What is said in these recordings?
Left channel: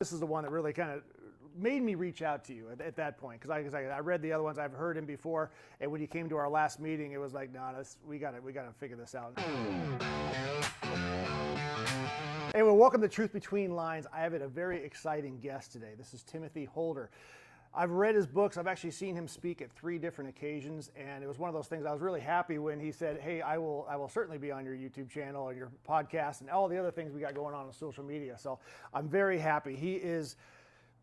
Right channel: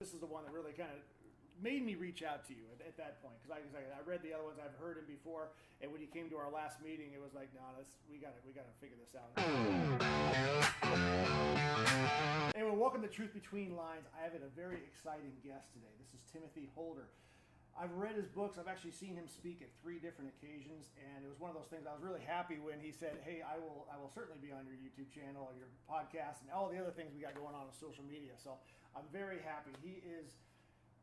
This is the one that really kind of made me reach out to you at that point, because I read the other ones, I've heard him before, and when you came to our last meeting, it was like, no, we got to figure this out. Anyway, welcome to Truth Between Lines. I have a very exciting guest today. This is Timothy Holder. I've read his books. I've actually seen him speak at 3 different occasions, and it was one of those things. I was really happy when he said, hey, I will certainly be on your YouTube channel and your podcast and all the other things we got going on social media. So I'm very happy. He is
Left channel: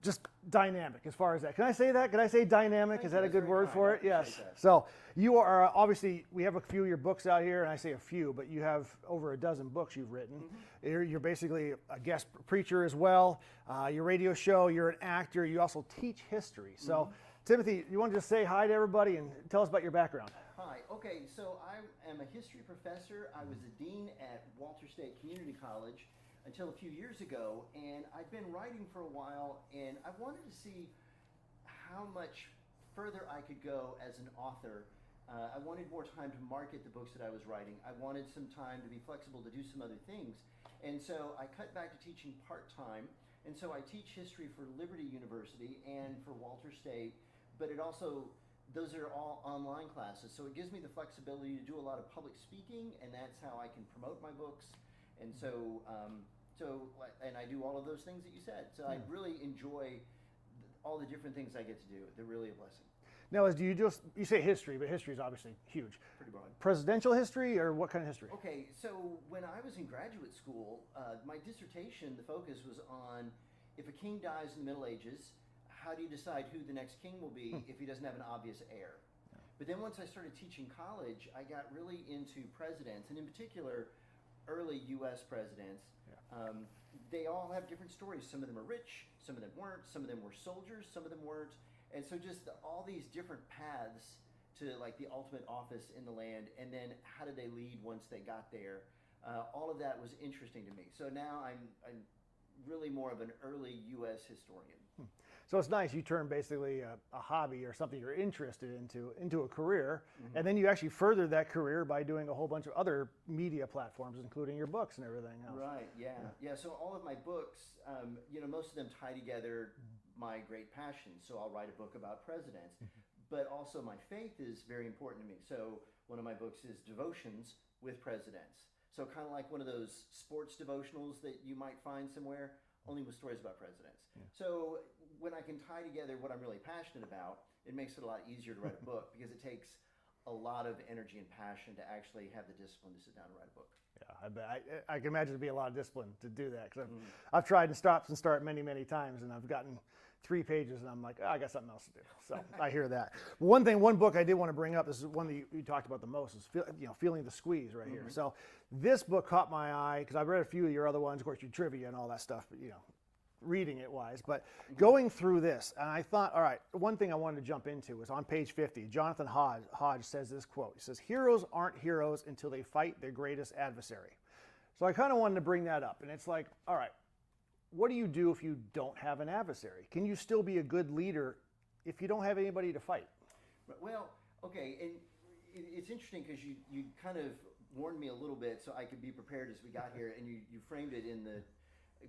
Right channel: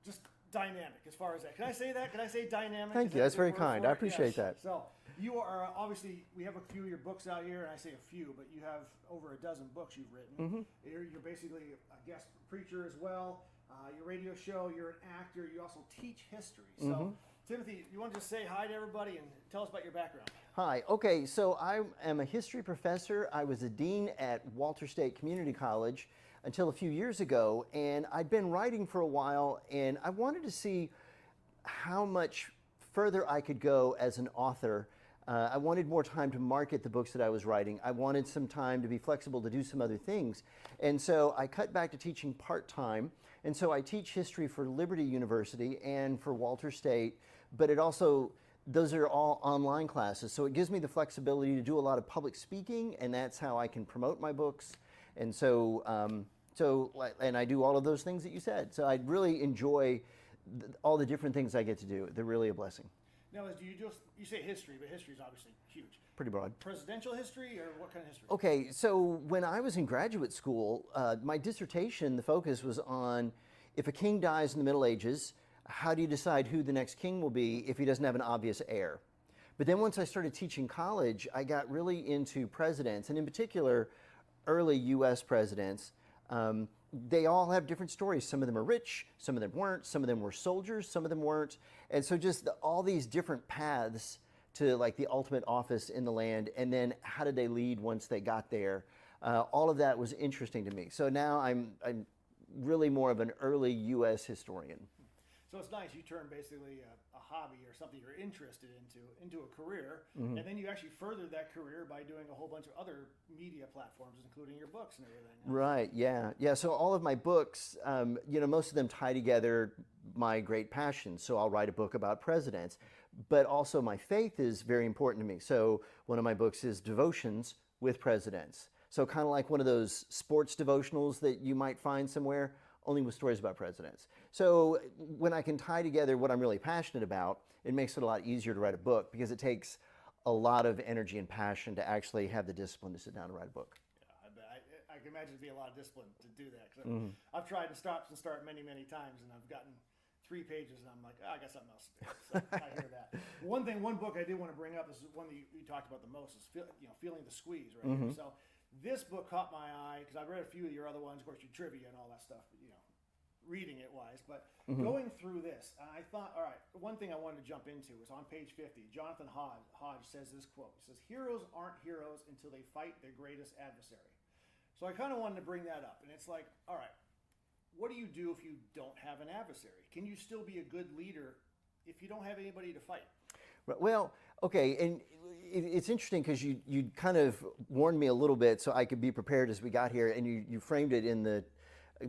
just dynamic as far as that. Can I say that? Can I say dynamic? Thank Is you. that That's a good very word kind. for I it? appreciate Yes. that. So you are, obviously, we have a few of your books out here, and I say a few, but you have over a dozen books you've written. Mm-hmm. You're basically a guest preacher as well. Your radio show, you're an actor. You also teach history. So, mm-hmm. Timothy, you want to just say hi to everybody and tell us about your background? Hi. Okay, so I am a history professor. I was a dean at Walter State Community College until a few years ago, and I'd been writing for a while, and I wanted to see how much further I could go as an author. I wanted more time to market the books that I was writing. I wanted some time to be flexible to do some other things. And so I cut back to teaching part-time, and so I teach history for Liberty University and for Walter State, but it also, those are all online classes, so it gives me the flexibility to do a lot of public speaking, and that's how I can promote my books. And so, and I do all of those things that you said. So I really enjoy all the different things I get to do. They're really a blessing. Now, you say history, but history is obviously huge. Pretty broad. Presidential history, or what kind of history? Okay, so when I was in graduate school, my dissertation, the focus was on if a king dies in the Middle Ages, how do you decide who the next king will be if he doesn't have an obvious heir? But then once I started teaching college, I got really into presidents, and in particular, early U.S. presidents. They all have different stories. Some of them are rich, some of them weren't, some of them were soldiers, some of them weren't. And so just all these different paths to like the ultimate office in the land, and then how did they lead once they got there? All of that was interesting to me. So now I'm really more of an early U.S. historian. So it's nice you turn basically a hobby or something you're interested into a career, mm-hmm. and then you actually furthered that career by doing a whole bunch of other media platforms, including your books and everything. Right, yeah. So all of my books, most of them tie together my great passions. So I'll write a book about presidents, but also my faith is very important to me. So one of my books is Devotions with Presidents. So kind of like one of those sports devotionals that you might find somewhere, only with stories about presidents. So when I can tie together what I'm really passionate about, it makes it a lot easier to write a book because it takes a lot of energy and passion to actually have the discipline to sit down and write a book. Yeah, I can imagine it'd be a lot of discipline to do that, because I've tried to stop and start many, many times, and I've gotten 3 pages and I'm like, I got something else to do. So I hear that. One book I did want to bring up, this is one that you talked about the most, is Feeling the Squeeze right here. So this book caught my eye because I've read a few of your other ones, of course, your trivia and all that stuff, but reading it wise, but going through this, and I thought, all right, one thing I wanted to jump into was on page 50, Jonathan Hodge says this quote. He says, heroes aren't heroes until they fight their greatest adversary. So I kind of wanted to bring that up, and it's like, all right, what do you do if you don't have an adversary? Can you still be a good leader if you don't have anybody to fight? Well, okay, and it's interesting because you kind of warned me a little bit so I could be prepared as we got here, and you framed it in the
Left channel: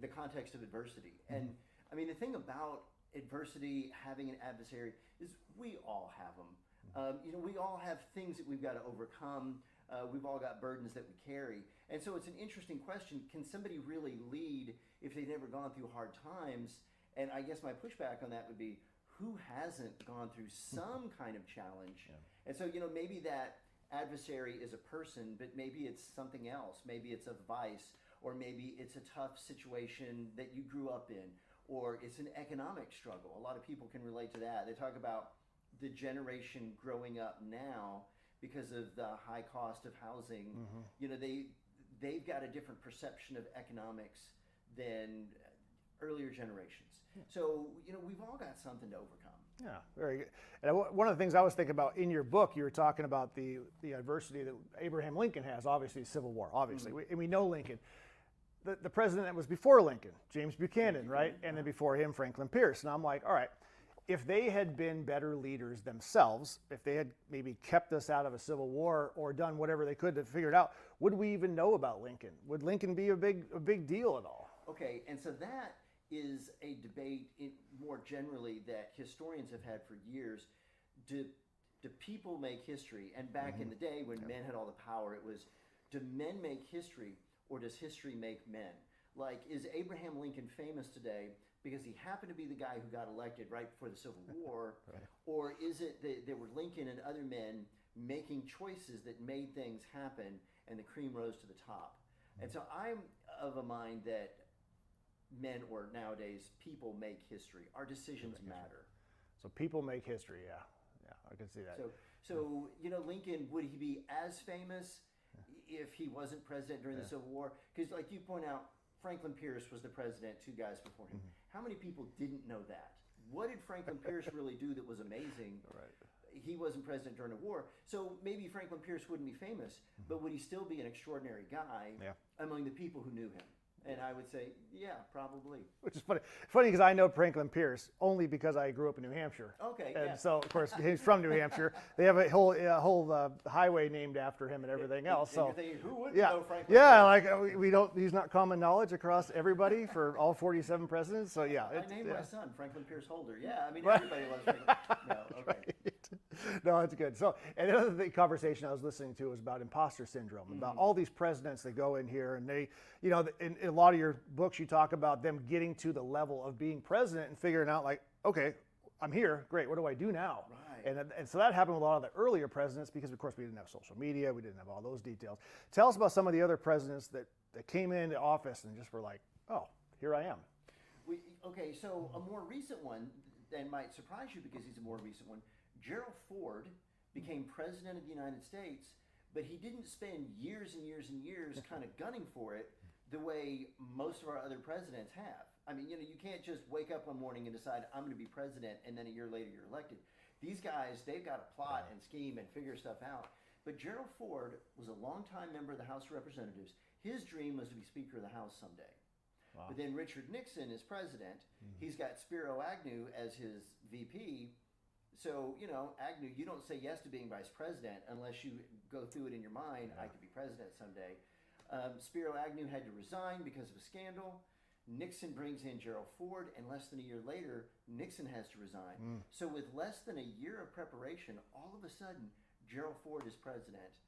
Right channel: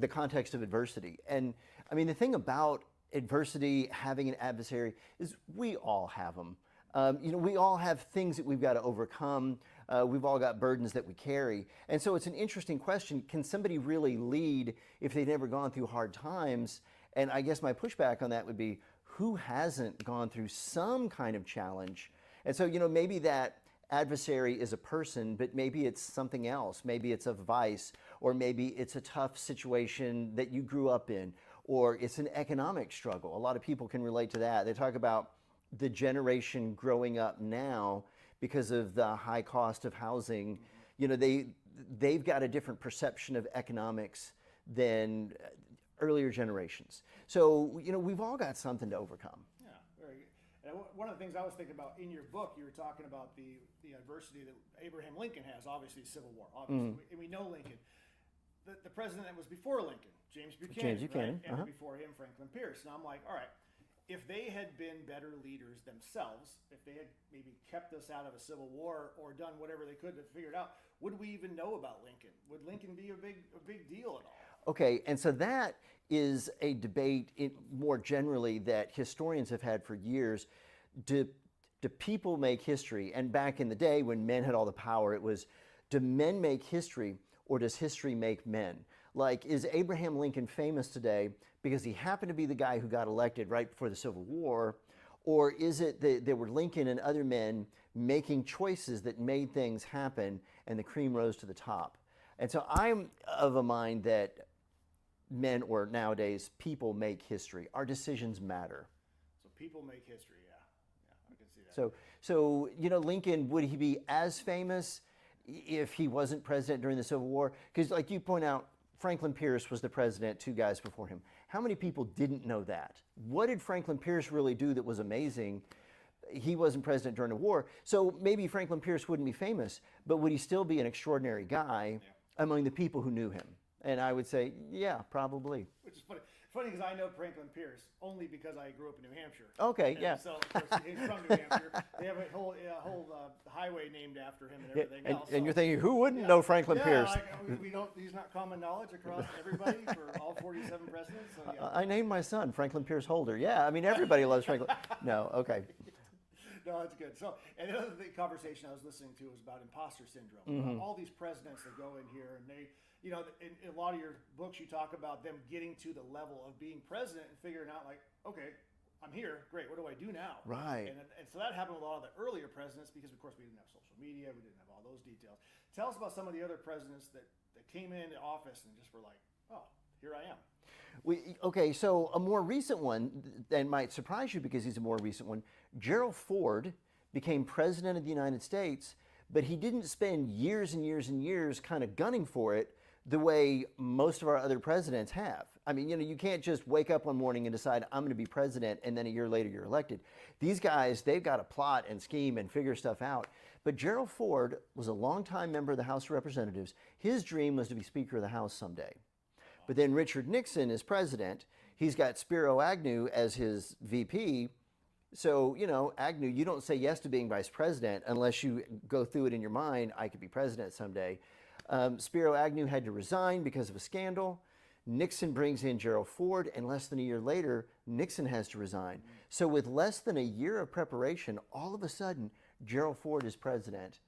context of adversity. And I mean, the thing about adversity, having an adversary, is we all have them. We all have things that we've got to overcome. We've all got burdens that we carry. And so it's an interesting question. Can somebody really lead if they've never gone through hard times? And I guess my pushback on that would be, who hasn't gone through some kind of challenge? And so, maybe that adversary is a person, but maybe it's something else. Maybe it's a vice, or maybe it's a tough situation that you grew up in, or it's an economic struggle. A lot of people can relate to that. They talk about the generation growing up now because of the high cost of housing. They've got a different perception of economics than earlier generations. So, we've all got something to overcome. Yeah, very good. And one of the things I was thinking about in your book, you were talking about the adversity that Abraham Lincoln has, obviously Civil War, obviously. And we know Lincoln. The president that was before Lincoln, James Buchanan, right? And then before him, Franklin Pierce. And I'm like, all right, if they had been better leaders themselves, if they had maybe kept us out of a civil war or done whatever they could to figure it out, would we even know about Lincoln? Would Lincoln be a big deal at all? Okay, and so that is a debate more generally that historians have had for years. Do people make history? And back in the day when men had all the power, it was, do men make history or does history make men? Like, is Abraham Lincoln famous today because he happened to be the guy who got elected right before the Civil War? Or is it that there were Lincoln and other men making choices that made things happen and the cream rose to the top? And so I'm of a mind that men, or nowadays people, make history. Our decisions matter. So people make history, yeah. I can see that. So Lincoln, would he be as famous if he wasn't president during the Civil War? Because like you point out, Franklin Pierce was the president 2 guys before him. How many people didn't know that? What did Franklin Pierce really do that was amazing? Right. He wasn't president during the war. So maybe Franklin Pierce wouldn't be famous, but would he still be an extraordinary guy among the people who knew him? And I would say, yeah, probably. Which is funny. Funny because I know Franklin Pierce only because I grew up in New Hampshire. Okay, and yeah. So, of course, he's from New Hampshire. They have a whole highway named after him and everything else. And you're thinking, who wouldn't know Franklin Pierce? Yeah, like we don't. He's not common knowledge across everybody for all 47 presidents. So yeah. I named my son Franklin Pierce Holder. Yeah, I mean everybody loves Franklin. No, okay. Right. No, it's good. So, and the other conversation I was listening to was about imposter syndrome. About all these presidents that go in here and they, in a lot of your books you talk about them getting to the level of being president and figuring out like, okay, I'm here, great, what do I do now? Right. And so that happened with a lot of the earlier presidents because of course we didn't have social media, we didn't have all those details. Tell us about some of the other presidents that came into office and just were like, oh, here I am. Okay, so a more recent one that might surprise you because he's a more recent one. Gerald Ford became president of the United States, but he didn't spend years and years and years kind of gunning for it the way most of our other presidents have. I mean, you can't just wake up one morning and decide, I'm going to be president, and then a year later you're elected. These guys, they've got to plot and scheme and figure stuff out. But Gerald Ford was a longtime member of the House of Representatives. His dream was to be Speaker of the House someday. Wow. But then Richard Nixon is president. He's got Spiro Agnew as his VP. So, Agnew, you don't say yes to being vice president unless you go through it in your mind, I could be president someday. Spiro Agnew had to resign because of a scandal. Nixon brings in Gerald Ford, and less than a year later, Nixon has to resign. So with less than a year of preparation, all of a sudden, Gerald Ford is president.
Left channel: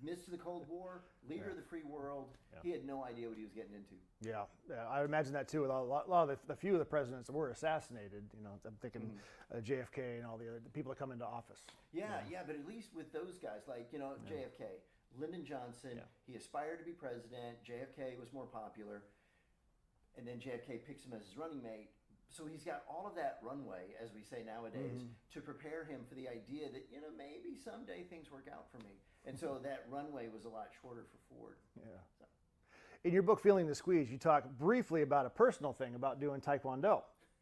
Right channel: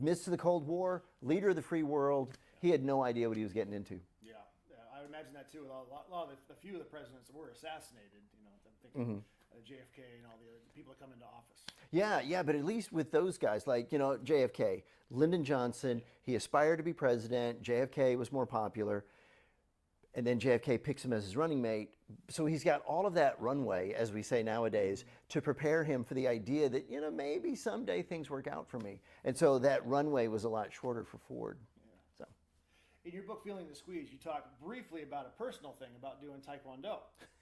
Midst of the Cold War, leader of the free world. He had no idea what he was getting into. Yeah, I imagine that too with a lot of the few of the presidents that were assassinated. I'm thinking JFK and all the other people that come into office. Yeah, but at least with those guys, like JFK, Lyndon Johnson, he aspired to be president. JFK was more popular, and then JFK picks him as his running mate. So he's got all of that runway, as we say nowadays, to prepare him for the idea that maybe someday things work out for me. And so that runway was a lot shorter for Ford. In your book, Feeling the Squeeze, you talk briefly about a personal thing about doing Taekwondo,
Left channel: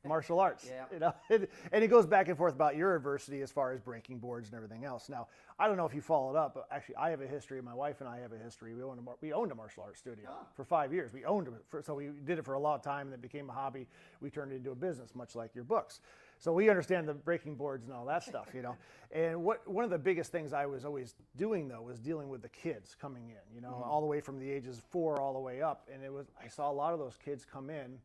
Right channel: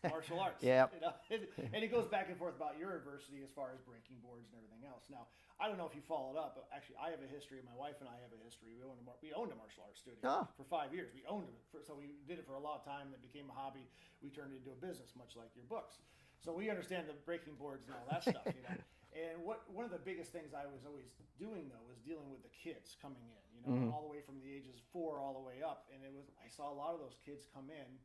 martial arts. Yeah. And it goes back and forth about your adversity as far as breaking boards and everything else. Now, I don't know if you followed up, but actually I have a history, my wife and I have a history. We owned a martial arts studio for 5 years. We owned it, so we did it for a long time and it became a hobby. We turned it into a business, much like your books. So we understand the breaking boards and all that stuff, And one of the biggest things I was always doing though was dealing with the kids coming in, all the way from the ages 4 all the way up. And I saw a lot of those kids come in.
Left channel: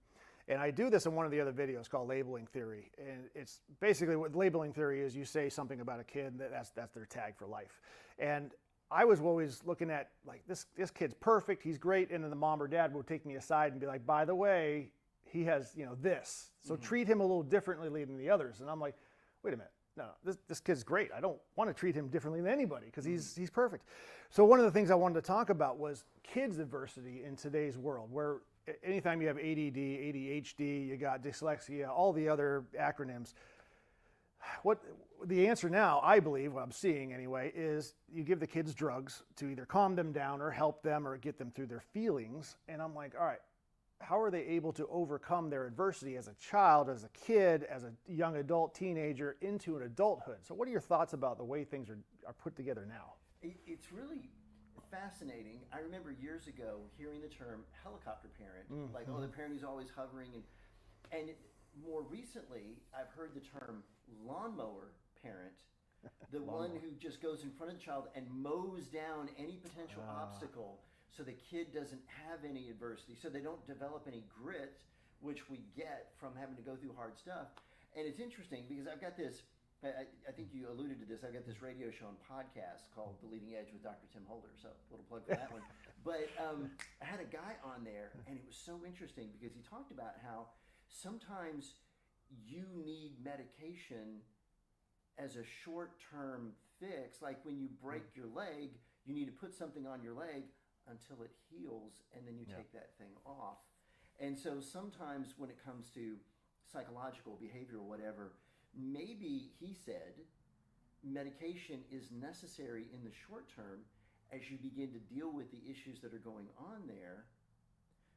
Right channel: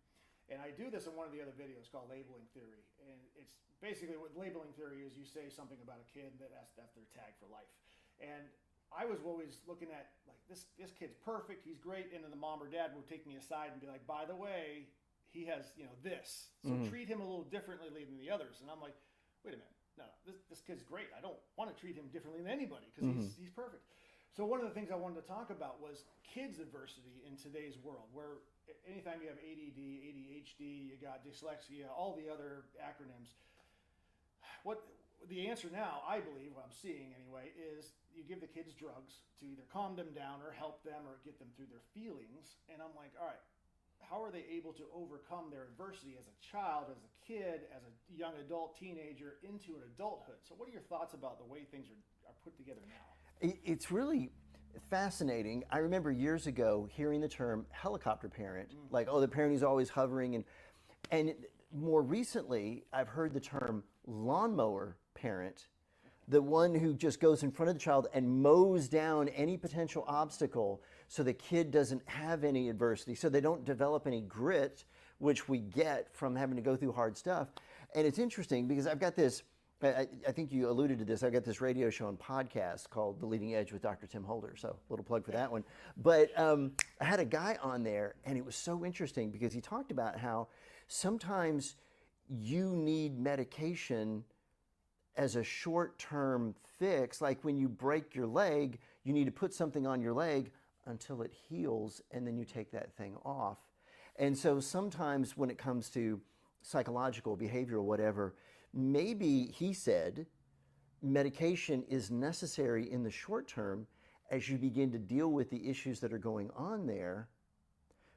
And I do this in one of the other videos called Labeling Theory. And it's basically what labeling theory is, you say something about a kid, that's their tag for life. And I was always looking at like this kid's perfect, he's great, and then the mom or dad would take me aside and be like, by the way, he has this. So treat him a little differently than the others. And I'm like, wait a minute. No, this kid's great. I don't want to treat him differently than anybody because he's perfect. So one of the things I wanted to talk about was kids' adversity in today's world, where anytime you have ADD, ADHD, you got dyslexia, all the other acronyms. What the answer now, I believe, what I'm seeing anyway, is you give the kids drugs to either calm them down or help them or get them through their feelings. And I'm like, all right, how are they able to overcome their adversity as a child, as a kid, as a young adult, teenager, into an adulthood? So what are your thoughts about the way things are put together now? It's really fascinating. I remember years ago hearing the term helicopter parent, like, the parent who's always hovering. And more recently, I've heard the term lawnmower parent, the one who just goes in front of the child and mows down any potential obstacle so the kid doesn't have any adversity, so they don't develop any grit, which we get from having to go through hard stuff. And it's interesting because I've got this, I think you alluded to this, I've got this radio show and podcast called The Leading Edge with Dr. Tim Holder, so a little plug for that one. But I had a guy on there, and it was so interesting because he talked about how sometimes you need medication as a short-term fix. Like when you break your leg, you need to put something on your leg until it heals, and then you take that thing off. And so sometimes when it comes to psychological, behavioral, whatever, maybe he said medication is necessary in the short term as you begin to deal with the issues that are going on there,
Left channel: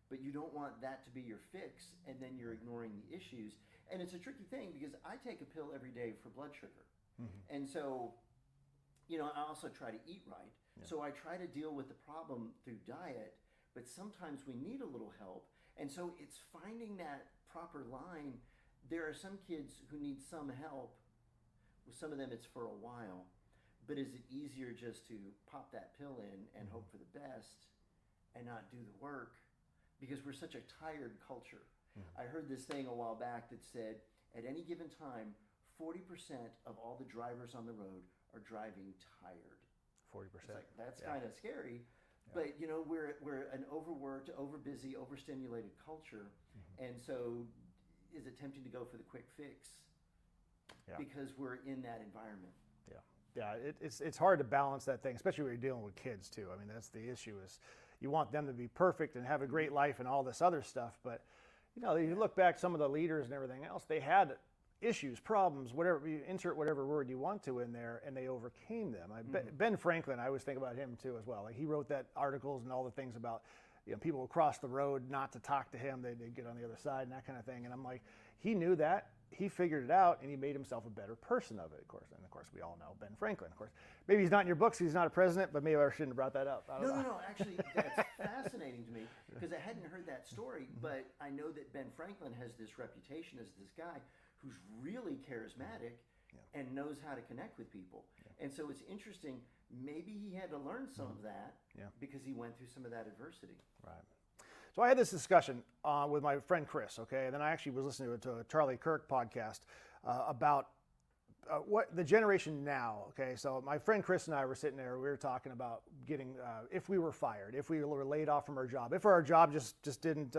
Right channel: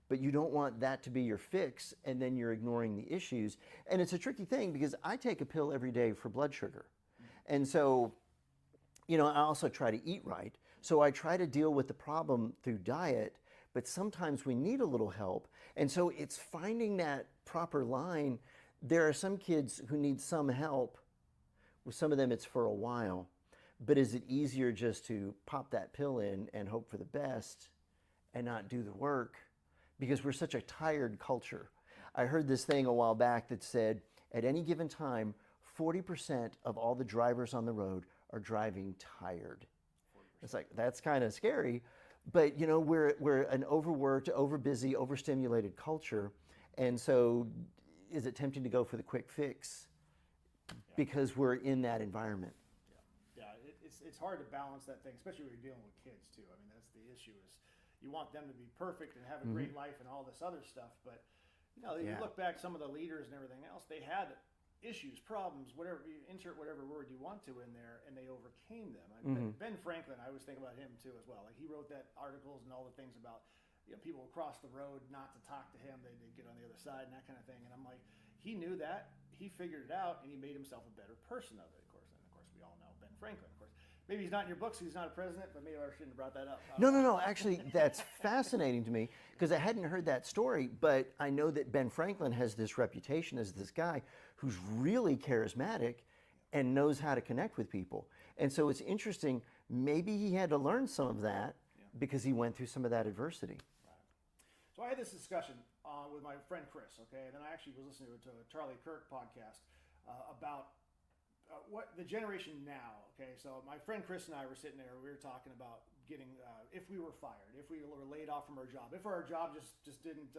but you don't want that to be your fix and then you're ignoring the issues. And it's a tricky thing because I take a pill every day for blood sugar. And so, I also try to eat right. So I try to deal with the problem through diet, but sometimes we need a little help. And so it's finding that proper line. There are some kids who need some help. With some of them, it's for a while. But is it easier just to pop that pill in and hope for the best and not do the work? Because we're such a tired culture. I heard this thing a while back that said, at any given time, 40% of all the drivers on the road are driving tired. 40%. It's like, that's kind of scary. But, we're an overworked, overbusy, overstimulated culture. And so is it tempting to go for the quick fix because we're in that environment? Yeah, it's hard to balance that thing, especially when you're dealing with kids too. I mean, that's the issue is you want them to be perfect and have a great life and all this other stuff. But, you look back, some of the leaders and everything else, they had issues, problems, whatever, you insert whatever word you want to in there, and they overcame them. Ben Franklin, I always think about him too as well. Like he wrote that articles and all the things about people would cross the road not to talk to him, they'd get on the other side and that kind of thing. And I'm like, he knew that, he figured it out, and he made himself a better person of it, of course. And of course, we all know Ben Franklin, of course. Maybe he's not in your books, he's not a president, but maybe I shouldn't have brought that up. No. Actually, that's fascinating to me because I hadn't heard that story, but I know that Ben Franklin has this reputation as this guy who's really charismatic and knows how to connect with people. And so it's interesting, maybe he had to learn some of that because he went through some of that adversity. Right. So I had this discussion with my friend Chris, okay, and then I actually was listening to a Charlie Kirk podcast about what the generation now, okay. So my friend Chris and I were sitting there, we were talking about getting, if we were fired, if we were laid off from our job, if our job just didn't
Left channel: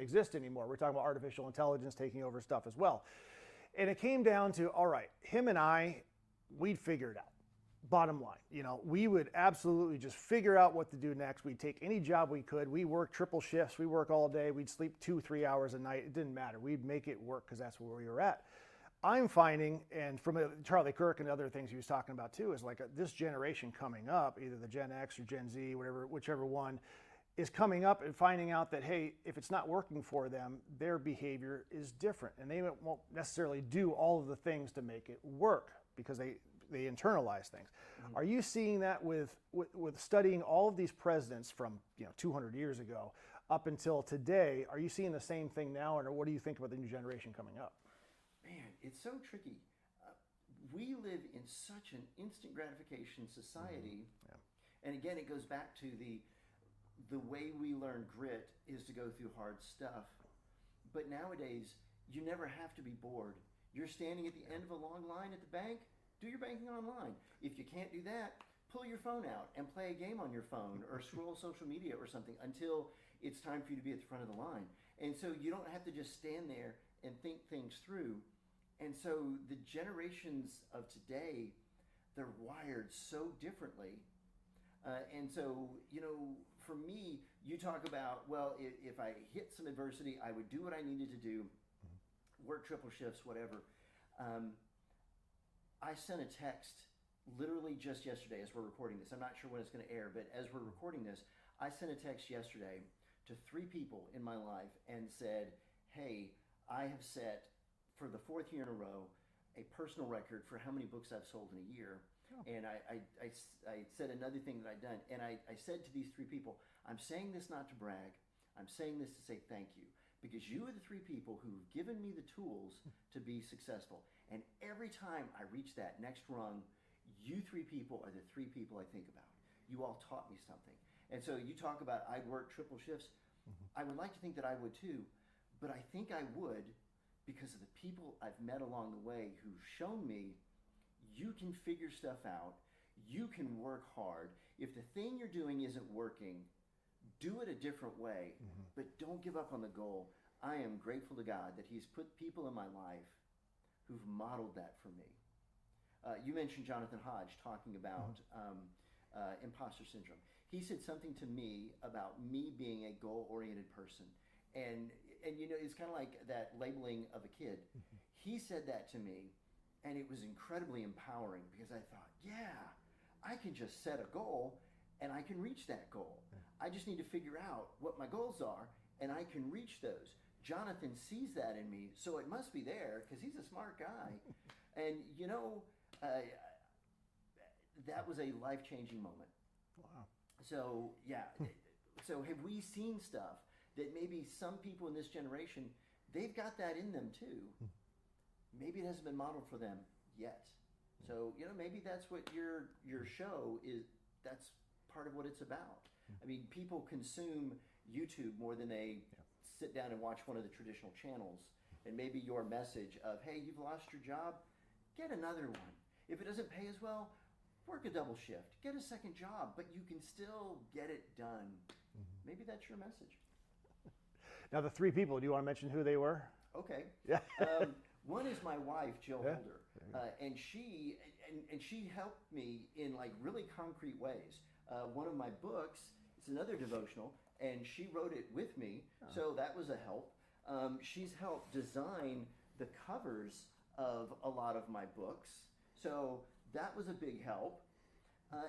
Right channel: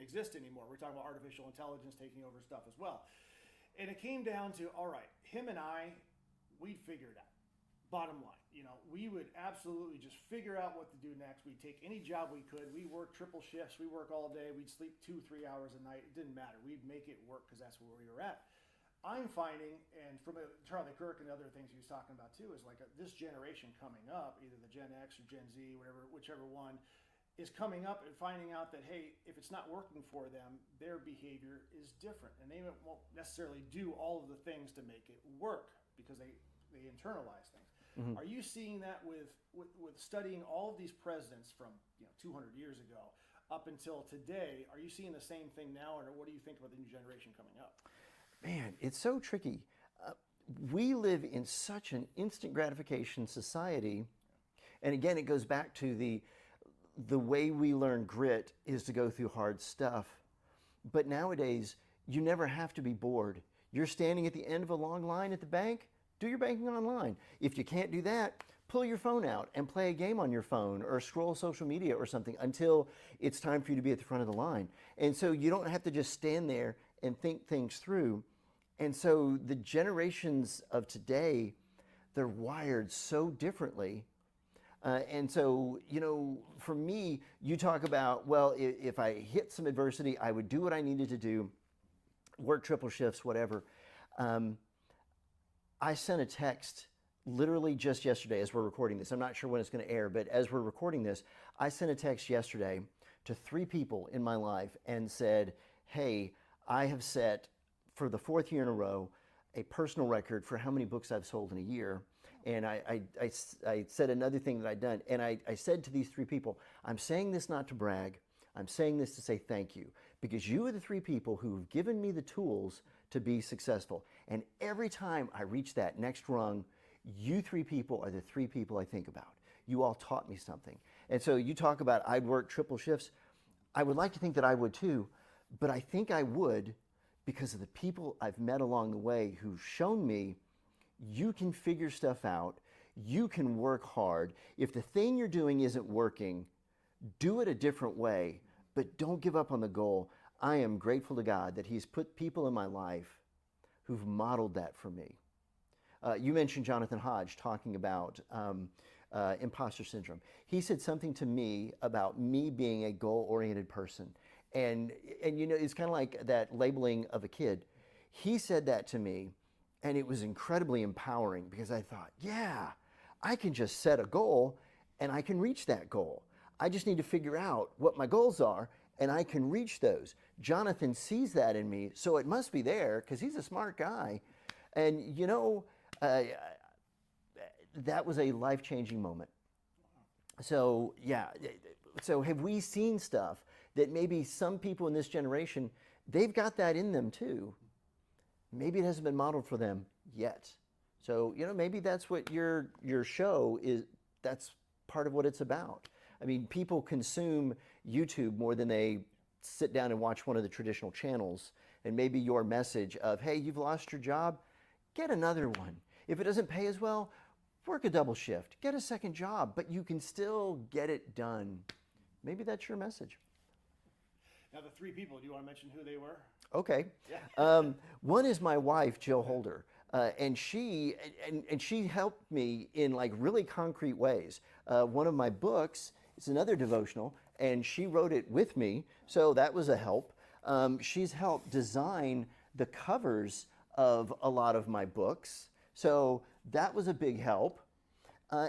exist anymore. We're talking about artificial intelligence taking over stuff as well. And it came down to, all right, him and I, we'd figure it out. Bottom line, we would absolutely just figure out what to do next. We'd take any job we could. We work triple shifts. We work all day. We'd sleep 2-3 hours a night. It didn't matter. We'd make it work because that's where we were at. I'm finding, and from Charlie Kirk and other things he was talking about too, is like this generation coming up, either the Gen X or Gen Z, whichever one, is coming up and finding out that, hey, if it's not working for them, their behavior is different. And they won't necessarily do all of the things to make it work because they internalize things. Are you seeing that with studying all of these presidents from 200 years ago up until today? Are you seeing the same thing now, or what do you think about the new generation coming up? Man, it's so tricky. We live in such an instant gratification society. And again, it goes back to the way we learn grit is to go through hard stuff. But nowadays, you never have to be bored. You're standing at the end of a long line at the bank, do your banking online. If you can't do that, pull your phone out and play a game on your phone or scroll social media or something until it's time for you to be at the front of the line. And so you don't have to just stand there and think things through. And so the generations of today, they're wired so differently. And so, for me, you talk about, well, if I hit some adversity, I would do what I needed to do, work triple shifts, whatever. I sent a text literally just yesterday as we're recording this. I'm not sure when it's going to air, but as we're recording this, I sent a text yesterday to 3 people in my life and said, hey, I have set for the 4th year in a row a personal record for how many books I've sold in a year. And I said another thing that I'd done. And I said to these 3 people, I'm saying this not to brag. I'm saying this to say thank you. Because you are the 3 people who've given me the tools to be successful. And every time I reach that next rung, you 3 people are the 3 people I think about. You all taught me something. And so you talk about I'd work triple shifts. I would like to think that I would too. but I think I would because of the people I've met along the way who've shown me you can figure stuff out, you can work hard. If the thing you're doing isn't working, do it a different way, but don't give up on the goal. I am grateful to God that He's put people in my life who've modeled that for me. You mentioned Jonathan Hodge talking about imposter syndrome. He said something to me about me being a goal-oriented person. And you know, it's kind of like that labeling of a kid. He said that to me, and it was incredibly empowering because I thought, yeah, I can just set a goal and I can reach that goal. I just need to figure out what my goals are and I can reach those. Jonathan sees that in me, so it must be there because he's a smart guy. And you know, that was a life-changing moment. Wow. So yeah, so have we seen stuff that maybe some people in this generation, they've got that in them too. Maybe it hasn't been modeled for them yet. So, you know, maybe that's what your show is, that's part of what it's about. I mean, people consume YouTube more than they sit down and watch one of the traditional channels. And maybe your message of, hey, you've lost your job, get another one. If it doesn't pay as well, work a double shift, get a second job, but you can still get it done. Maybe that's your message. Now, the three people, do you want to mention who they were? Okay. Yeah. One is my wife, Jill Holder, and she helped me in like really concrete ways. One of my books is another devotional, and she wrote it with me, so that was a help. She's helped design the covers of a lot of my books, so that was a big help.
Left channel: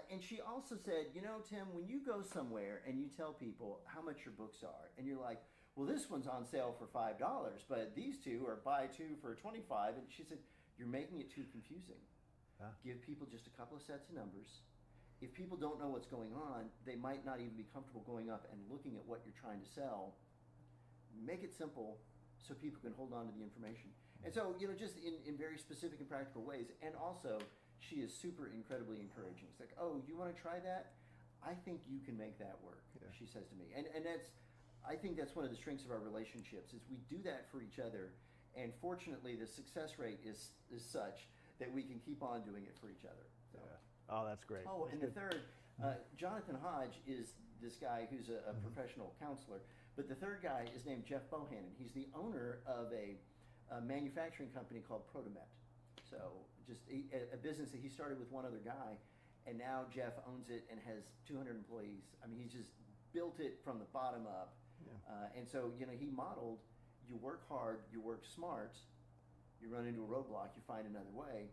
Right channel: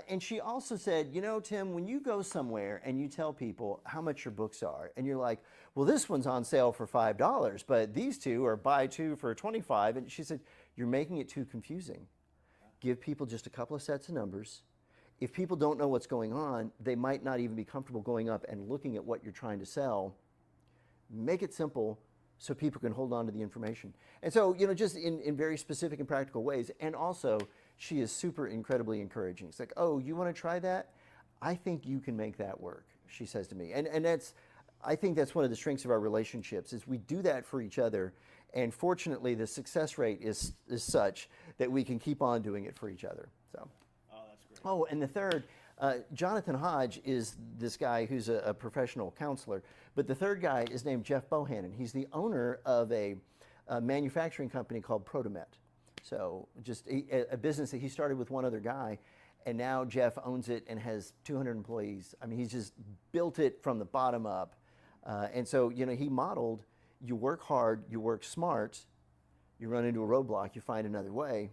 And she also said, you know, Tim, when you go somewhere and you tell people how much your books are, and you're like, well, this one's on sale for $5, but these two are buy two for $25. And she said, you're making it too confusing. Yeah. Give people just a couple of sets of numbers. If people don't know what's going on, they might not even be comfortable going up and looking at what you're trying to sell. Make it simple so people can hold on to the information. And so, you know, just in very specific and practical ways. And also, she is super incredibly encouraging. It's like, oh, you want to try that? I think you can make that work, she says to me. And that's, I think that's one of the strengths of our relationships is we do that for each other. And fortunately, the success rate is such that we can keep on doing it for each other. So. Oh, that's great. Oh, and the third, Jonathan Hodge is this guy who's a professional counselor. But the third guy is named Jeff Bohannon. He's the owner of a manufacturing company called Protomet. So just a business that he started with one other guy, and now Jeff owns it and has 200 employees. I mean, he's just built it from the bottom up. And so, you know, he modeled, you work hard, you work smart, you run into a roadblock, you find another way.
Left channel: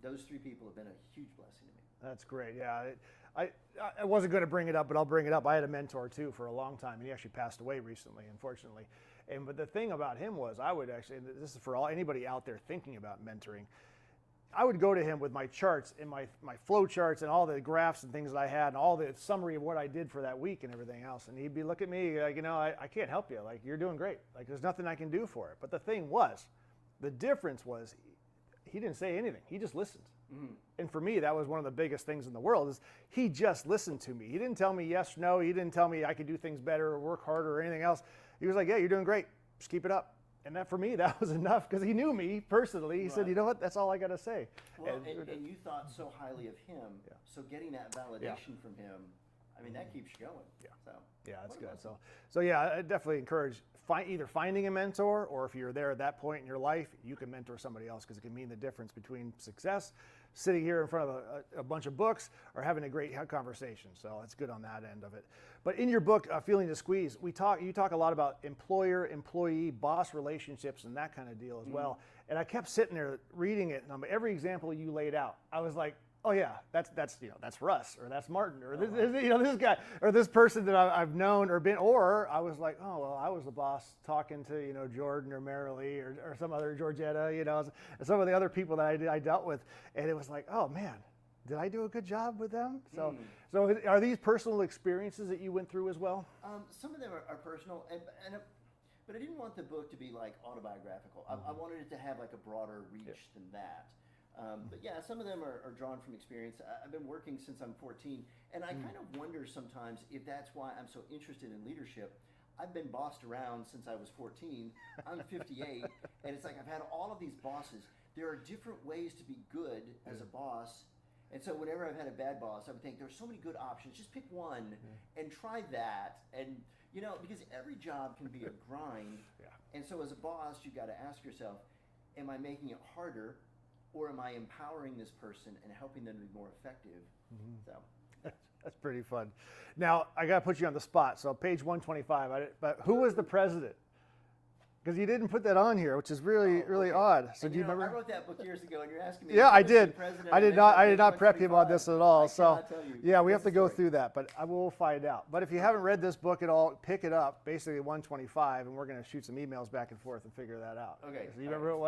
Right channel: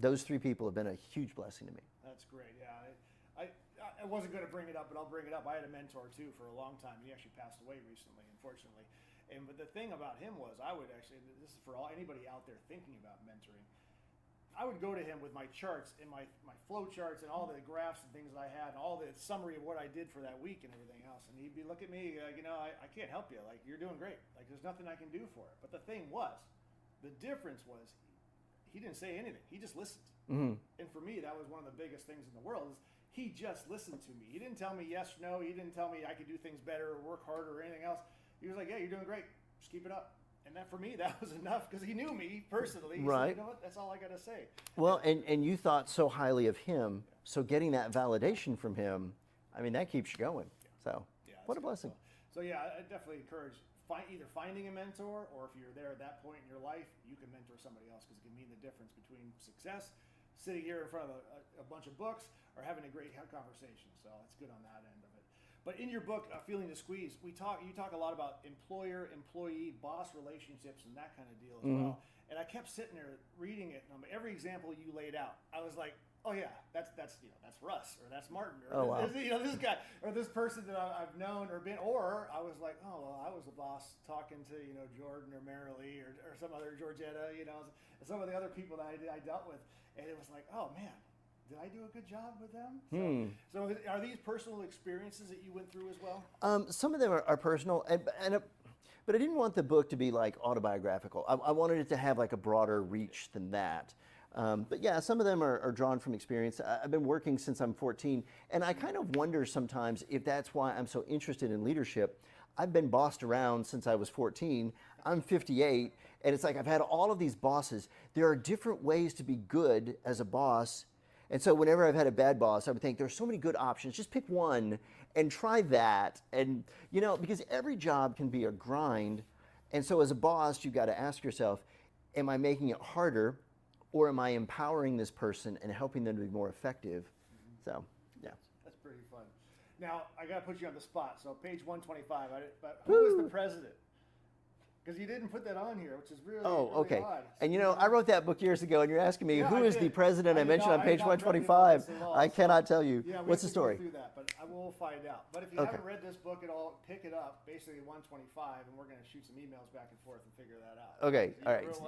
Those three people have been a huge blessing to me. That's great. Yeah, I wasn't going to bring it up, but I'll bring it up. I had a mentor too for a long time, and he actually passed away recently, unfortunately. But the thing about him was, I would actually, and this is for anybody out there thinking about mentoring, I would go to him with my charts and my flow charts and all the graphs and things that I had and all the summary of what I did for that week and everything else. And he'd be looking at me like, you know, I can't help you. Like, you're doing great. Like, there's nothing I can do for it. But the thing was, the difference was, he didn't say anything. He just listened. Mm-hmm. And for me, that was one of the biggest things in the world is he just listened to me. He didn't tell me yes or no. He didn't tell me I could do things better or work harder or anything else. He was like, yeah, you're doing great. Just keep it up. And that for me, that was enough because he knew me personally. He said, you know what? That's all I got to say. Well, and you thought so highly of him. Yeah. So getting that validation from him, I mean, that keeps you going. Yeah. So what a blessing. So yeah, I definitely encourage either finding a mentor, or if you're there at that point in your life, you can mentor somebody else because it can mean the difference between success, sitting here in front of a bunch of books, or having a great conversation. So it's good on that end of it. But in your book, Feeling the Squeeze, you talk a lot about employer, employee, boss relationships and that kind of deal as well. And I kept sitting there reading it, and every example you laid out, I was like, oh yeah, that's Russ, or that's Martin, or this guy, or this person that I've known or been, or I was like, oh well, I was the boss talking to Jordan or Marilee or some other Georgetta, and some of the other people that I dealt with, and it was like, oh man, did I do a good job with them? So are these personal experiences that you went through as well? Some of them are personal, but I didn't want the book to be like autobiographical. I wanted it to have like a broader reach than that. But yeah, some of them are drawn from experience. I've been working since I'm 14, and I kind of wonder sometimes if that's why I'm so interested in leadership. I've been bossed around since I was 14. I'm 58, and it's like I've had all of these bosses. There are different ways to be good as a boss. And so whenever I've had a bad boss, I would think there's so many good options. Just pick one and try that. And, because every job can be a grind. And so as a boss, you've got to ask yourself, am I making it harder, or am I empowering this person and helping them to be more effective? So, yeah. That's pretty fun. Now, I got to put you on the spot. So page 125, but who was the president? Because you didn't put that on here, which is really odd. So and I wrote that book years ago, and you're asking me, who is the president? I did not prep you about this at all. I cannot tell you. Yeah, we have to go through that, but I will find out. But if you haven't read this book at all, pick it up, basically 125, and we're going to shoot some emails back and forth and figure that out. Okay. You know who it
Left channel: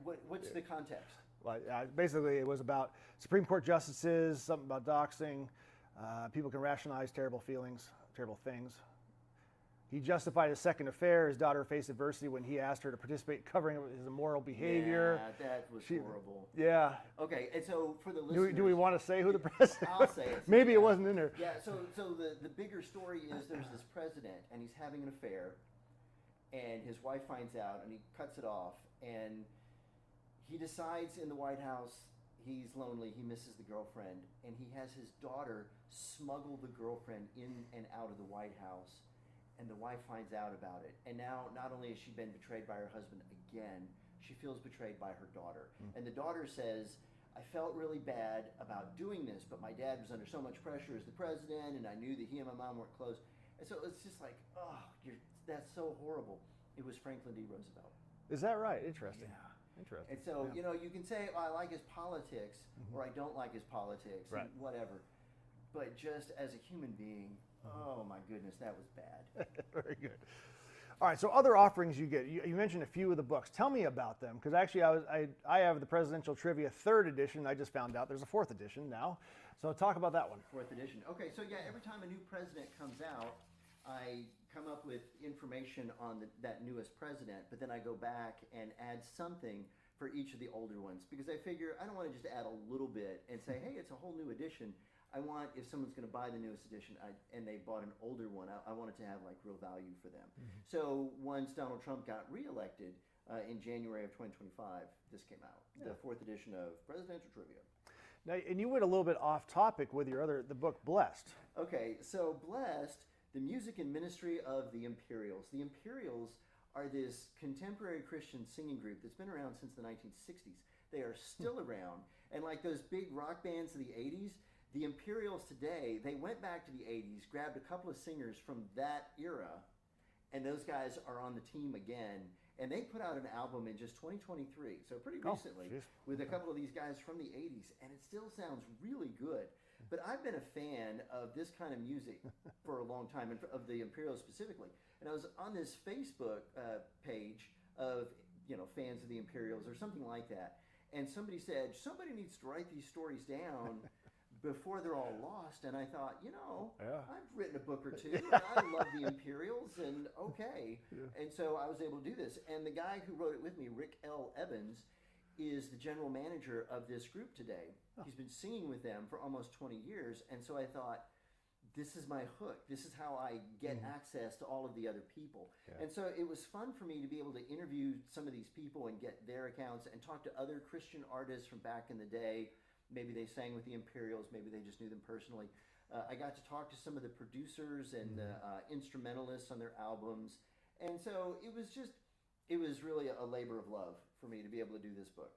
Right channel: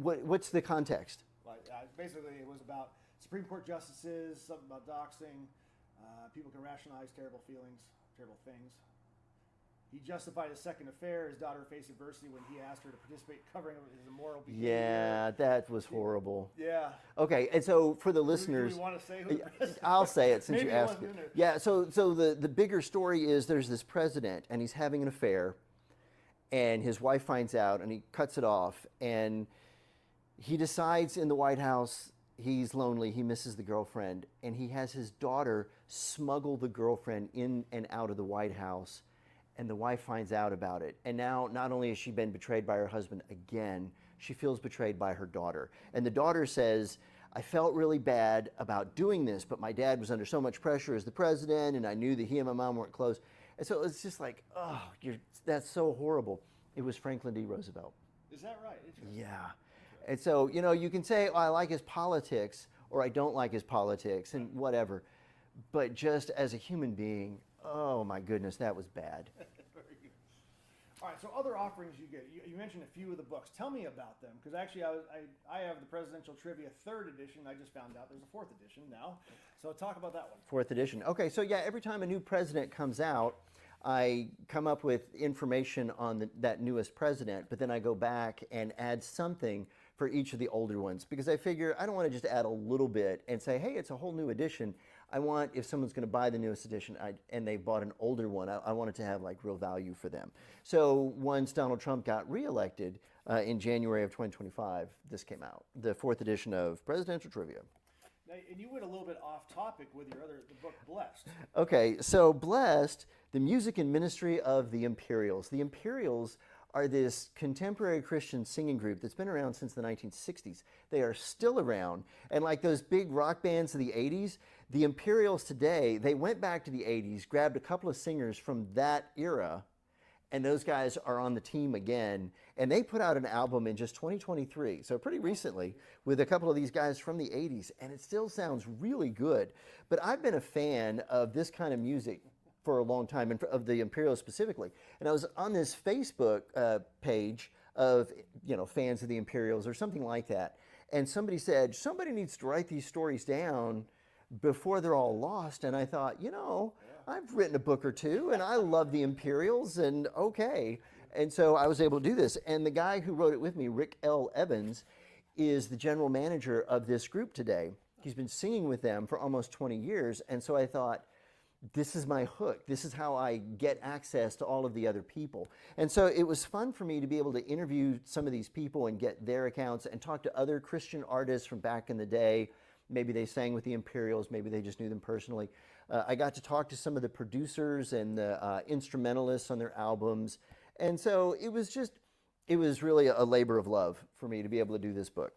was? What's the context? Well, basically, it was about Supreme Court justices, something about doxing. People can rationalize terrible feelings, terrible things. He justified his second affair. His daughter faced adversity when he asked her to participate, covering his immoral behavior. Yeah, that was horrible. Yeah. Okay, and so for the listeners, do we want to say who the president? I'll say it. Maybe it wasn't in there. Yeah. So the bigger story is there's this president, and he's having an affair, and his wife finds out, and he cuts it off, and he decides in the White House he's lonely. He misses the girlfriend, and he has his daughter smuggle the girlfriend in and out of the White House. And the wife finds out about it. And now, not only has she been betrayed by her husband again, she feels betrayed by her daughter. And the daughter says, I felt really bad about doing this, but my dad was under so much pressure as the president, and I knew that he and my mom weren't close. And so it's just like, that's so horrible. It was Franklin D. Roosevelt. Is that right? Interesting. Yeah. Interesting. And so, you can say, I like his politics, or I don't like his politics, and whatever. But just as a human being, oh my goodness, that was bad. Very good. All right, so other offerings you get. You mentioned a few of the books. Tell me about them, because actually I have the Presidential Trivia 3rd edition. I just found out there's a 4th edition now. So talk about that one. 4th edition. Okay, so yeah, every time a new president comes out, I come up with information on that newest president, but then I go back and add something for each of the older ones, because I figure I don't want to just add a little bit and say, hey, it's a whole new edition. I want, if someone's going to buy the newest edition and they bought an older one, I want it to have like real value for them. So once Donald Trump got reelected in January of 2025, this came out, the 4th edition of Presidential Trivia. Now, and you went a little bit off topic with the book Blessed. Okay, so Blessed, the music and ministry of the Imperials. The Imperials are this contemporary Christian singing group that's been around since the 1960s. They are still around, and like those big rock bands of the 80s, the Imperials today, they went back to the 80s, grabbed a couple of singers from that era, and those guys are on the team again. And they put out an album in just 2023, so pretty recently, with a couple of these guys from the 80s, and it still sounds really good. But I've been a fan of this kind of music for a long time, and of the Imperials specifically. And I was on this Facebook page of fans of the Imperials or something like that, and somebody said, somebody needs to write these stories down before they're all lost. And I thought, I've written a book or two, and I love the Imperials, and okay. And so I was able to do this. And the guy who wrote it with me, Rick L. Evans, is the general manager of this group today. He's been singing with them for almost 20 years. And so I thought, this is my hook. This is how I get access to all of the other people. And so it was fun for me to be able to interview some of these people and get their accounts and talk to other Christian artists from back in the day. Maybe they sang with the Imperials, maybe they just knew them personally. I got to talk to some of the producers and the instrumentalists on their albums. And so it was really a labor of love for me to be able to do this book.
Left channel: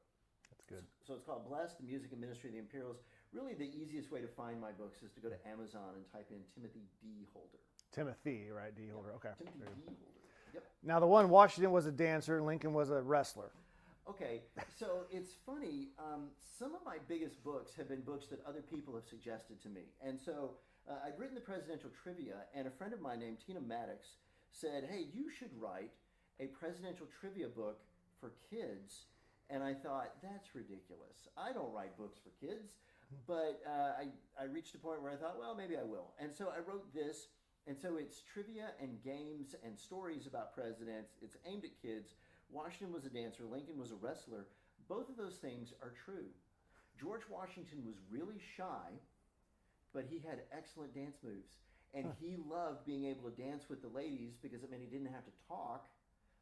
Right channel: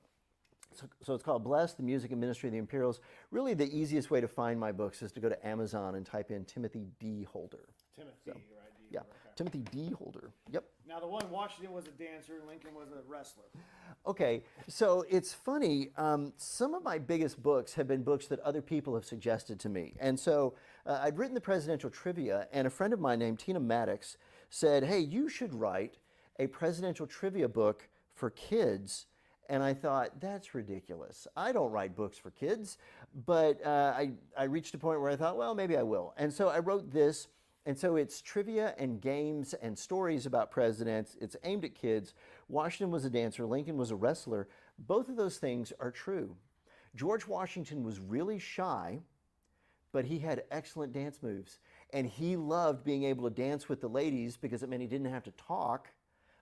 So it's called Blessed, the Music and Ministry of the Imperials. Really the easiest way to find my books is to go to Amazon and type in Timothy D. Holder. Timothy, right? D. Yeah. Holder, okay. Timothy D. Holder, yep. Now the one, Washington was a dancer, Lincoln was a wrestler. Okay, so it's funny, some of my biggest books have been books that other people have suggested to me. And so I'd written the Presidential Trivia, and a friend of mine named Tina Maddox said, hey, you should write a Presidential Trivia book for kids. And I thought, that's ridiculous. I don't write books for kids. But I reached a point where I thought, well, maybe I will. And so I wrote this. And so it's trivia and games and stories about presidents. It's aimed at kids. Washington was a dancer. Lincoln was a wrestler. Both of those things are true. George Washington was really shy, but he had excellent dance moves. And he loved being able to dance with the ladies because it meant he didn't have to talk,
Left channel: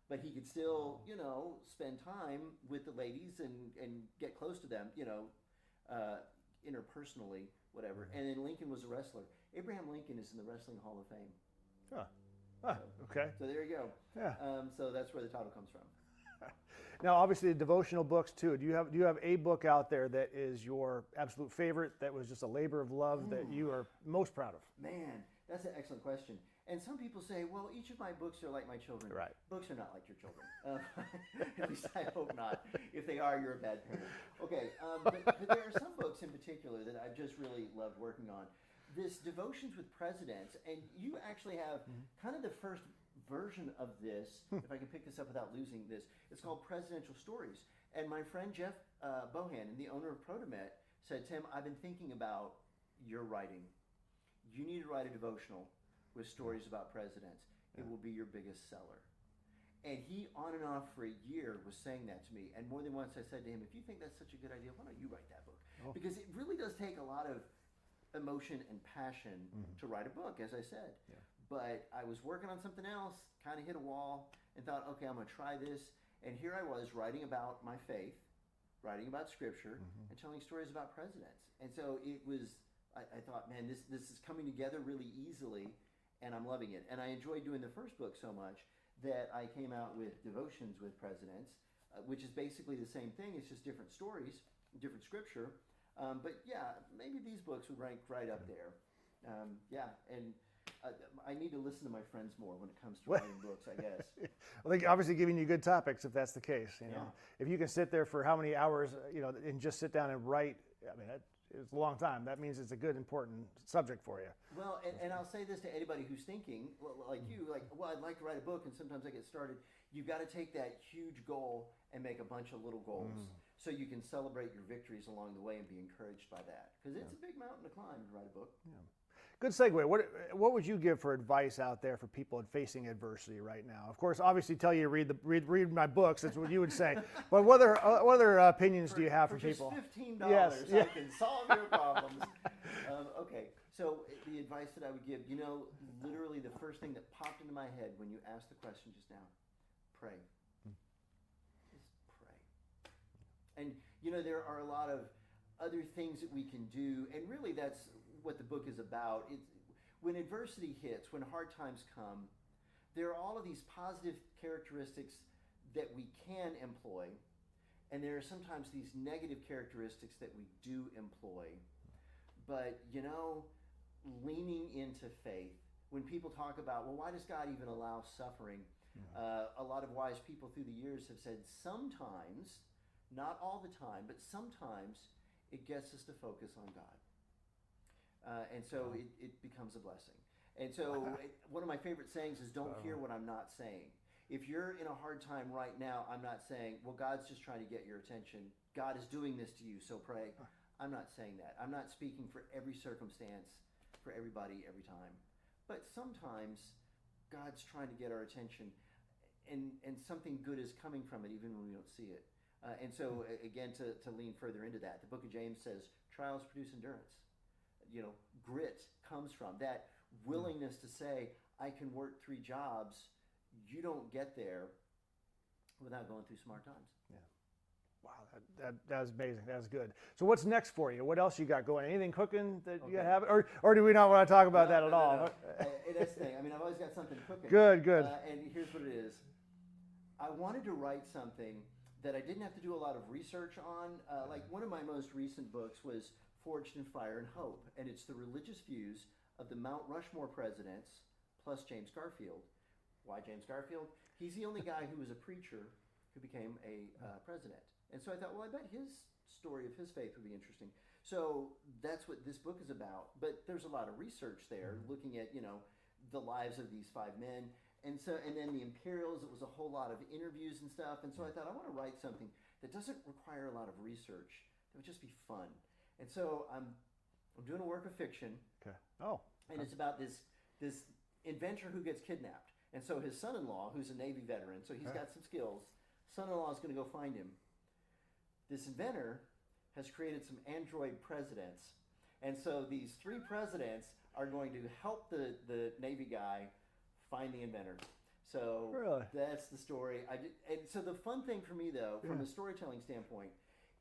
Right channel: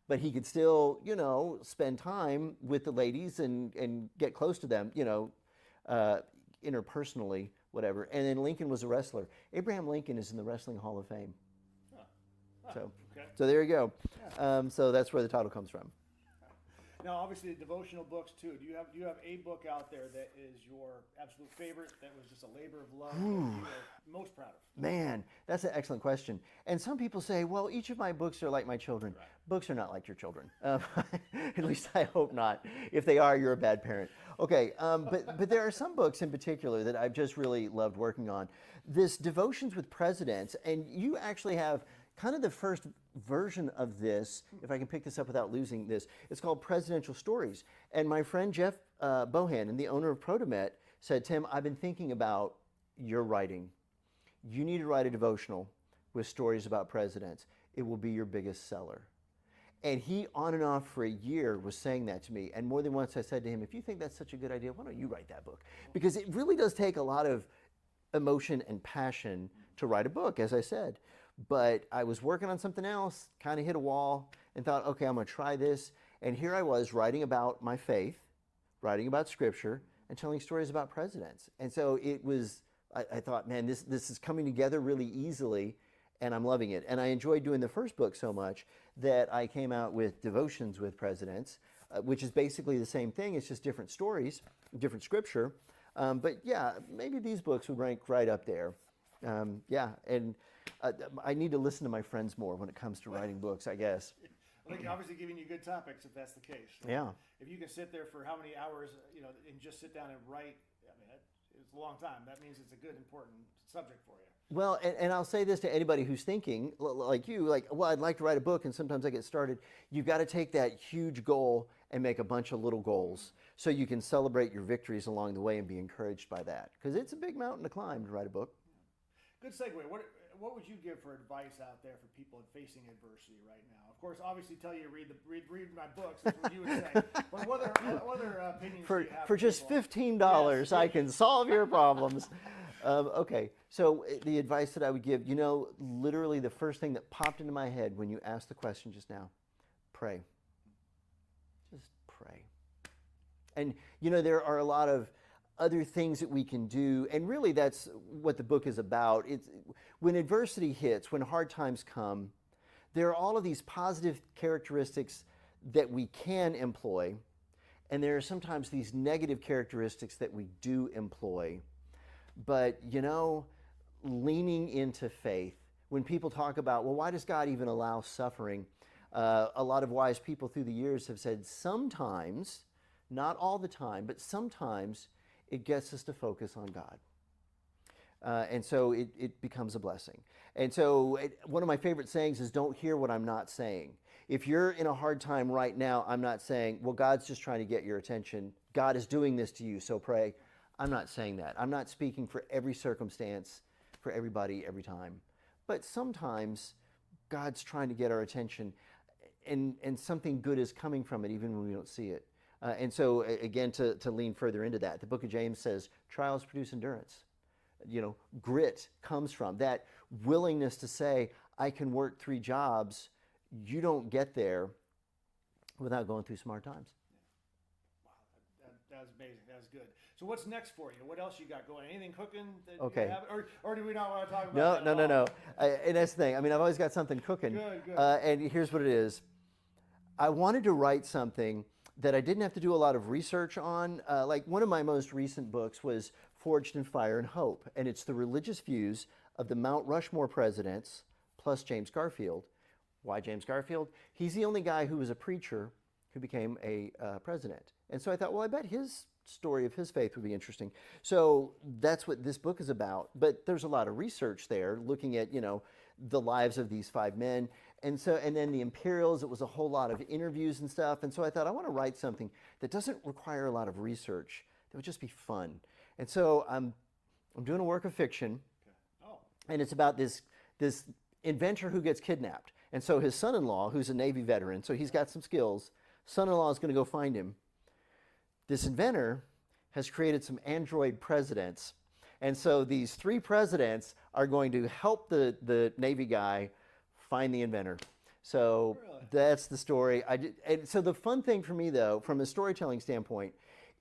but he could still, spend time with the ladies and get close to them, interpersonally, whatever. And then Lincoln was a wrestler. Abraham Lincoln is in the Wrestling Hall of Fame. Okay. So there you go. Yeah. So that's where the title comes from. Now, obviously, the devotional books too. Do you have a book out there that is your absolute favorite? That was just a labor of love that you are most proud of? Man, that's an excellent question. And some people say, well, each of my books are like my children. Right. Books are not like your children. At least I hope not. If they are, you're a bad parent. Okay, but there are some books in particular that I've just really loved working on. This Devotions with Presidents, and you actually have kind of the first version of this, if I can pick this up without losing this. It's called Presidential Stories. And my friend Jeff Bohannon, the owner of Protomet, said, Tim, I've been thinking about your writing. You need to write a devotional with stories about presidents. It will be your biggest seller. And he, on and off for a year, was saying that to me. And more than once I said to him, if you think that's such a good idea, why don't you write that book? Because it really does take a lot of emotion and passion to write a book, as I said. But I was working on something else, kind of hit a wall, and thought, okay, I'm going to try this. And here I was writing about my faith, writing about Scripture, and telling stories about presidents. And so it was, I thought, man, this is coming together really easily, and I'm loving it. And I enjoyed doing the first book so much that I came out with Devotions with Presidents, which is basically the same thing. It's just different stories, different Scripture. But yeah, maybe these books would rank right up there. And I need to listen to my friends more when it comes to writing books, I guess. Well, they're obviously giving you good topics if that's the case. Yeah. If you can sit there for how many hours, and just sit down and write, I mean, it's a long time. That means it's a good, important subject for you. Well, and I'll say this to anybody who's thinking, like you, well, I'd like to write a book, and sometimes I get started. You've got to take that huge goal and make a bunch of little goals so you can celebrate your victories along the way and be encouraged by that. Because it's a big mountain to climb to write a book. Yeah. Good segue. What would you give for advice out there for people facing adversity right now? Of course, obviously, tell you to read my books. That's what you would say. But what other opinions do you have for just people? $15? Yes. I can solve your problems. Okay, so the advice that I would give, literally the first thing that popped into my head when you asked the question just now, pray. Just pray. And there are a lot of other things that we can do, and really that's what the book is about. It's when adversity hits, when hard times come, there are all of these positive characteristics that we can employ, and there are sometimes these negative characteristics that we do employ. But leaning into faith, when people talk about, well, why does God even allow suffering? A lot of wise people through the years have said sometimes, not all the time, but sometimes it gets us to focus on God. And so it becomes a blessing. And so one of my favorite sayings is, don't hear what I'm not saying. If you're in a hard time right now, I'm not saying, well, God's just trying to get your attention. God is doing this to you, so pray. I'm not saying that. I'm not speaking for every circumstance, for everybody, every time. But sometimes God's trying to get our attention, and something good is coming from it, even when we don't see it. And so, again, to lean further into that, the book of James says, trials produce endurance. Grit comes from that willingness to say, I can work 3 jobs. You don't get there without going through some hard times. Yeah. Wow, that's amazing. That's good. So what's next for you? What else you got going? Anything cooking that you have? Or do we not want to talk about that at all? No. And that's the thing. I mean, I've always got something cooking. Good. And here's what it is. I wanted to write something that I didn't have to do a lot of research on. Like one of my most recent books was Forged in Fire and Hope, and it's the religious views of the Mount Rushmore presidents plus James Garfield. Why James Garfield? He's the only guy who was a preacher who became a president. And so I thought, well, I bet his story of his faith would be interesting. So that's what this book is about. But there's a lot of research there looking at, the lives of these 5 men. And then the Imperials, it was a whole lot of interviews and stuff. And so I thought, I want to write something that doesn't require a lot of research, that would just be fun. And so I'm doing a work of fiction. Okay. Oh. And it's about this inventor who gets kidnapped. And so his son-in-law, who's a Navy veteran, so he's got some skills, son-in-law is going to go find him. This inventor has created some android presidents. And so these 3 presidents are going to help the Navy guy find the inventor. So that's the story. And so the fun thing for me, though, from a storytelling standpoint,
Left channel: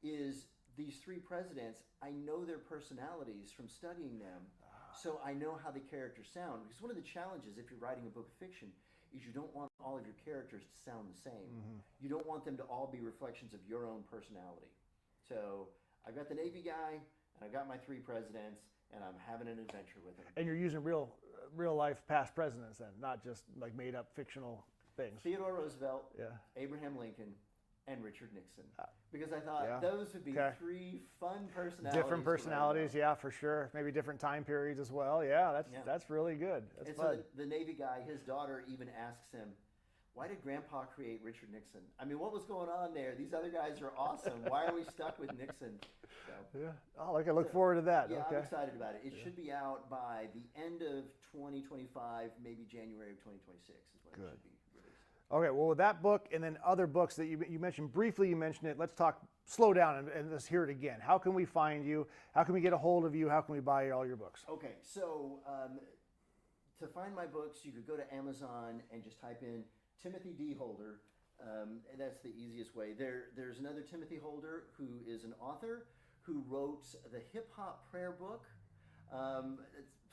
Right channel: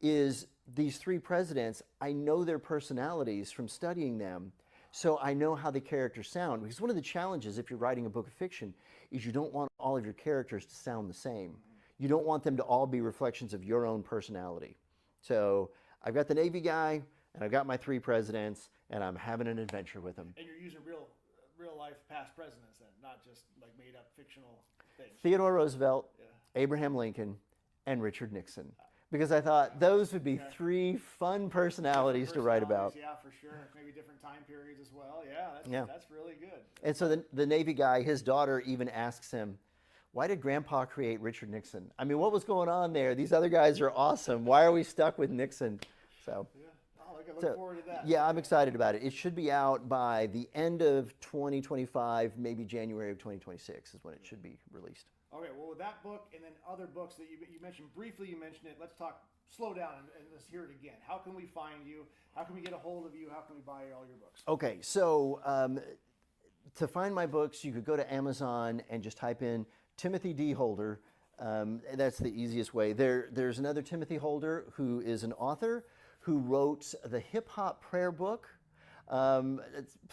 is these 3 presidents, I know their personalities from studying them, so I know how the characters sound. Because one of the challenges if you're writing a book of fiction is you don't want all of your characters to sound the same. You don't want them to all be reflections of your own personality. So I've got the Navy guy, and I've got my 3 presidents, and I'm having an adventure with them. And you're using real life past presidents then, not just like made up fictional things. Theodore Roosevelt, Abraham Lincoln, and Richard Nixon. Because I thought those would be 3 fun personalities to write about. Yeah, for sure. Maybe different time periods as well. Yeah, that's really good. And so the Navy guy, his daughter even asks him, why did Grandpa create Richard Nixon? I mean, what was going on there? These other guys are awesome. Why are we stuck with Nixon? So I look forward to that. Yeah, I'm excited about it. It should be out by the end of 2025, maybe January of 2026 is when it should be released. Okay, well, with that book and then other books that you mentioned briefly, you mentioned it. Let's slow down and let's hear it again. How can we find you? How can we get a hold of you? How can we buy all your books? Okay, so to find my books, you could go to Amazon and just type in Timothy D. Holder. That's the easiest way. There's another Timothy Holder who is an author who wrote the Hip Hop Prayer Book. Some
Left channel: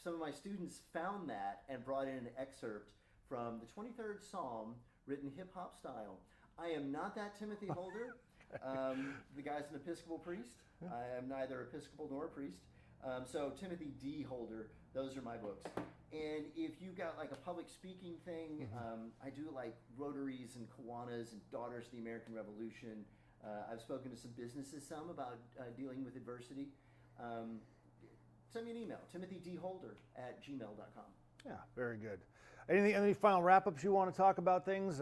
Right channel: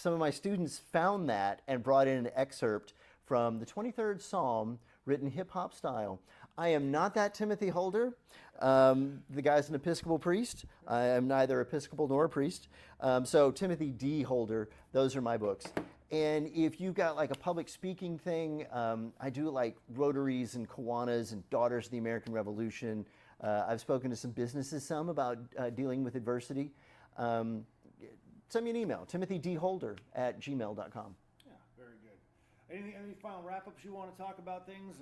of my students found that and brought in an excerpt from the 23rd Psalm, written hip-hop style. I am not that Timothy Holder. The guy's an Episcopal priest. I am neither Episcopal nor a priest. So Timothy D. Holder, those are my books. And if you've got like a public speaking thing, I do like Rotaries and Kiwanis and Daughters of the American Revolution. I've spoken to some businesses about dealing with adversity. Send me an email, timothydholder@gmail.com. Yeah, very good. Any final wrap-ups you want to talk about things?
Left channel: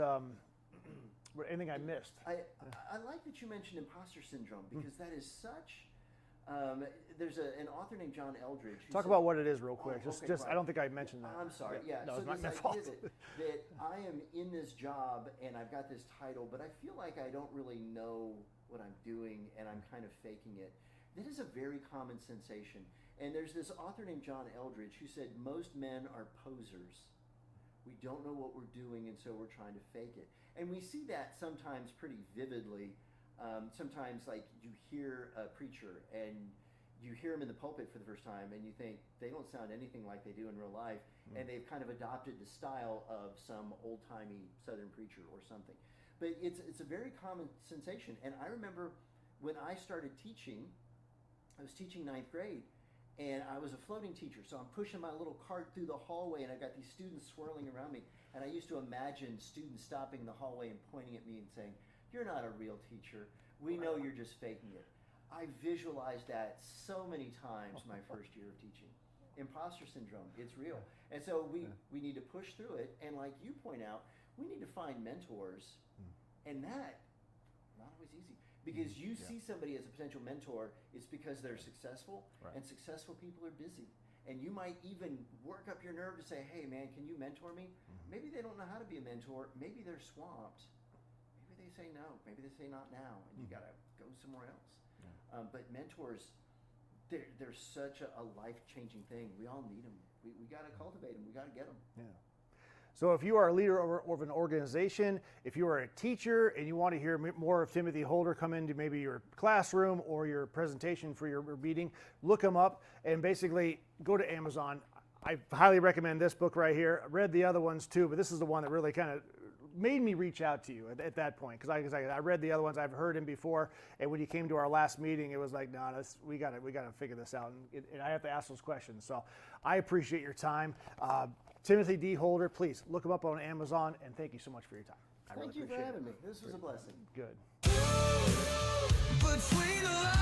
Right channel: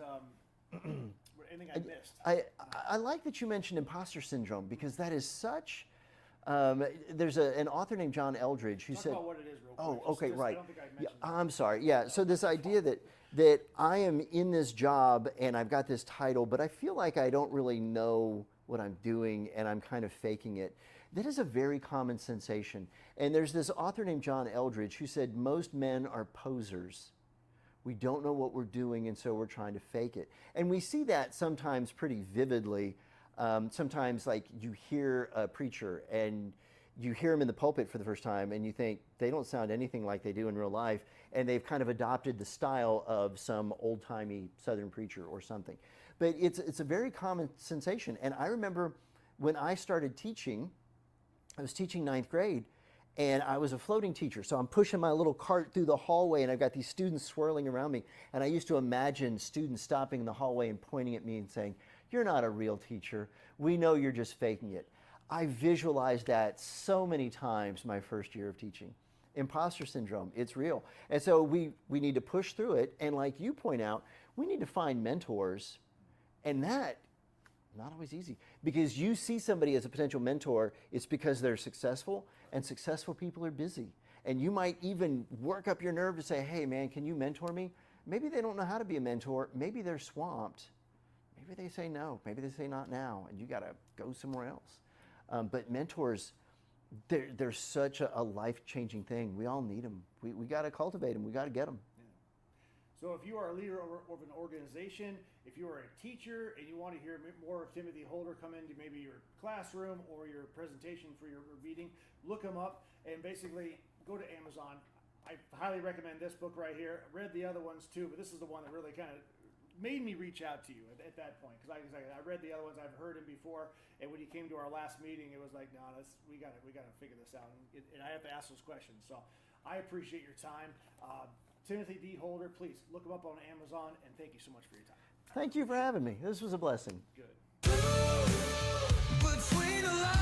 Anything I missed? I like that you mentioned imposter syndrome because that is such. There's an author named John Eldredge who Talk said, about what it is real quick. Right. I don't think I mentioned that. I'm sorry. Yeah. No, so this idea that I am in this job and I've got this title, but I feel like I don't really know what I'm doing and I'm kind of faking it. That is a very common sensation. And there's this author named John Eldredge who said most men are posers. We don't know what we're doing, and so we're trying to fake it. And we see that sometimes pretty vividly. Sometimes, like, you hear a preacher, and you hear him in the pulpit for the first time, and you think, they don't sound anything like they do in real life, and they've kind of adopted the style of some old-timey Southern preacher or something. But it's a very common sensation. And I remember when I started teaching, I was teaching 9th grade, and I was a floating teacher, so I'm pushing my little cart through the hallway, and I've got these students swirling around me. And I used to imagine students stopping in the hallway and pointing at me and saying, "You're not a real teacher. We know you're just faking it." I visualized that so many times my first year of teaching. Imposter syndrome, it's real. And so we need to push through it. And like you point out, we need to find mentors. And that, not always easy. Because you see somebody as a potential mentor, it's because they're successful, and successful people are busy. And you might even work up your nerve to say, "Hey man, can you mentor me?" Maybe they don't know how to be a mentor. Maybe they're swamped. Maybe they say no. Maybe they say not now, and you got to go somewhere else. But mentors, they're such a life-changing thing. We all need them. We got to cultivate them. We got to get them. Yeah. So if you are a leader of an organization, if you are a teacher and you want to hear more of Timothy Holder come into maybe your classroom or your presentation for your meeting, look him up and basically go to Amazon. I highly recommend this book right here. I read the other ones too, but this is the one that really kind of made me reach out to you at that point, because I read the other ones. I've heard him before, and when you came to our last meeting, it was like, no, we got to figure this out, and I have to ask those questions. So I appreciate your time. Timothy D. Holder, please look him up on Amazon, and thank you so much for your time. Thank you for having me. This was a blessing. Good. Between the lines.